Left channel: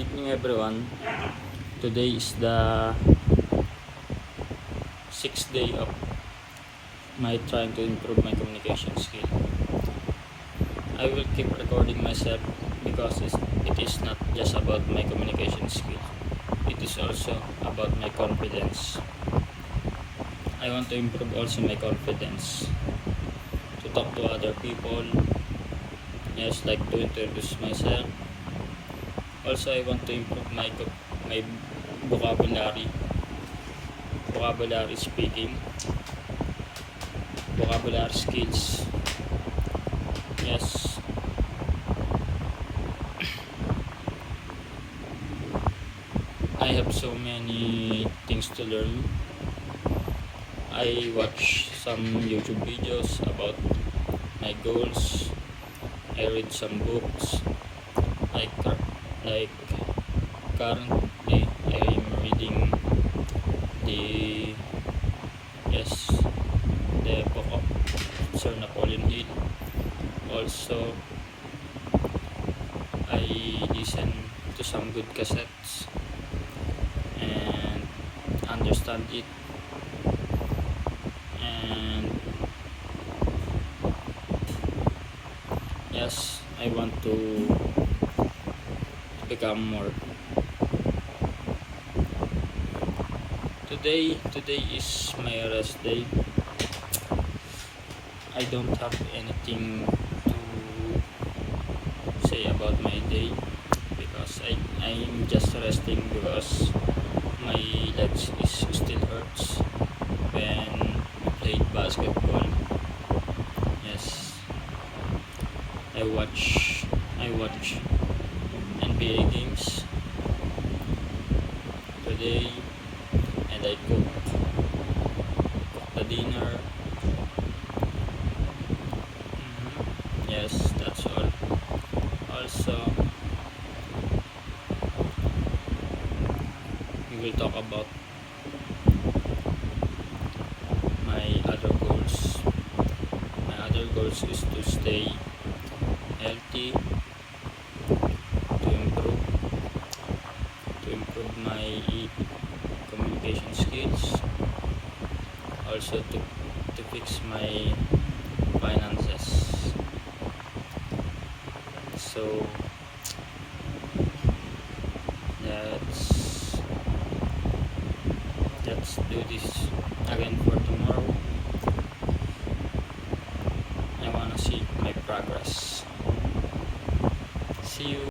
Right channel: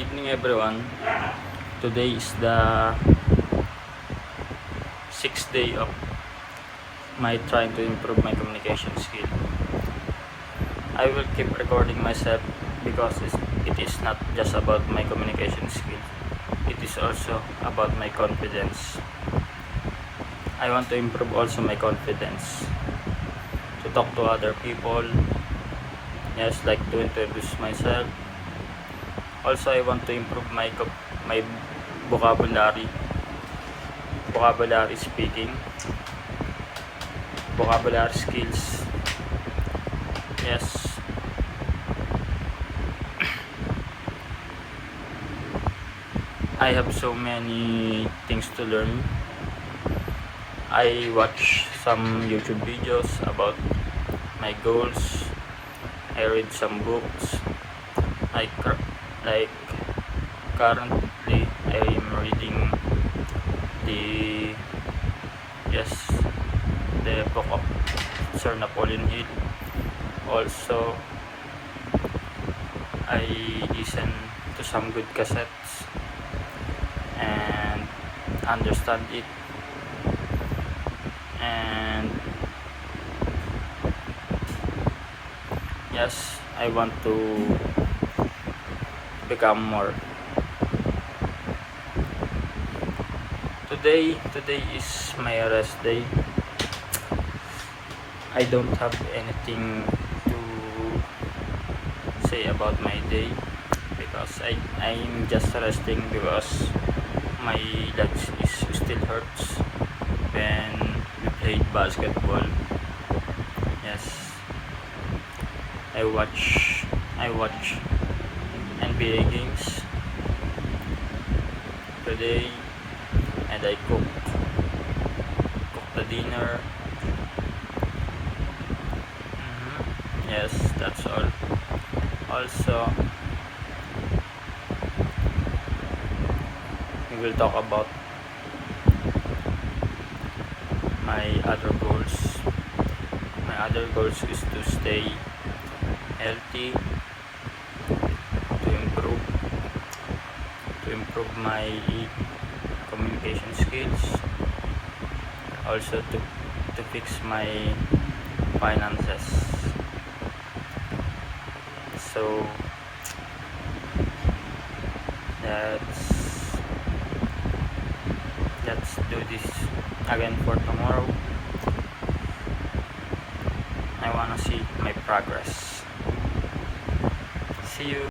evening everyone. Today is the 6th day of my trying to improve my communication skill. I will keep recording myself because it is not just about my communication skill. It is also about my confidence. I want to improve also my confidence to talk to other people. Yes, like to introduce myself. Also, I want to improve my vocabulary speaking, vocabulary skills. Yes, I have so many things to learn. I watch some YouTube videos about my goals. I read some books. Like currently I'm reading the book of Sir Napoleon Hill. Also, I listen to some good cassettes and understand it, and yes, I want to become more. Today is my rest day. I don't have anything to say about my day because I'm just resting because my legs still hurts when I played basketball. Yes, I watch NBA games today, and I cook the dinner. Yes, that's all. Also, we will talk about my other goals. My other goals is to stay healthy, to improve my communication skills, also to fix my finances. So let's do this again for tomorrow. I wanna see my progress. See you.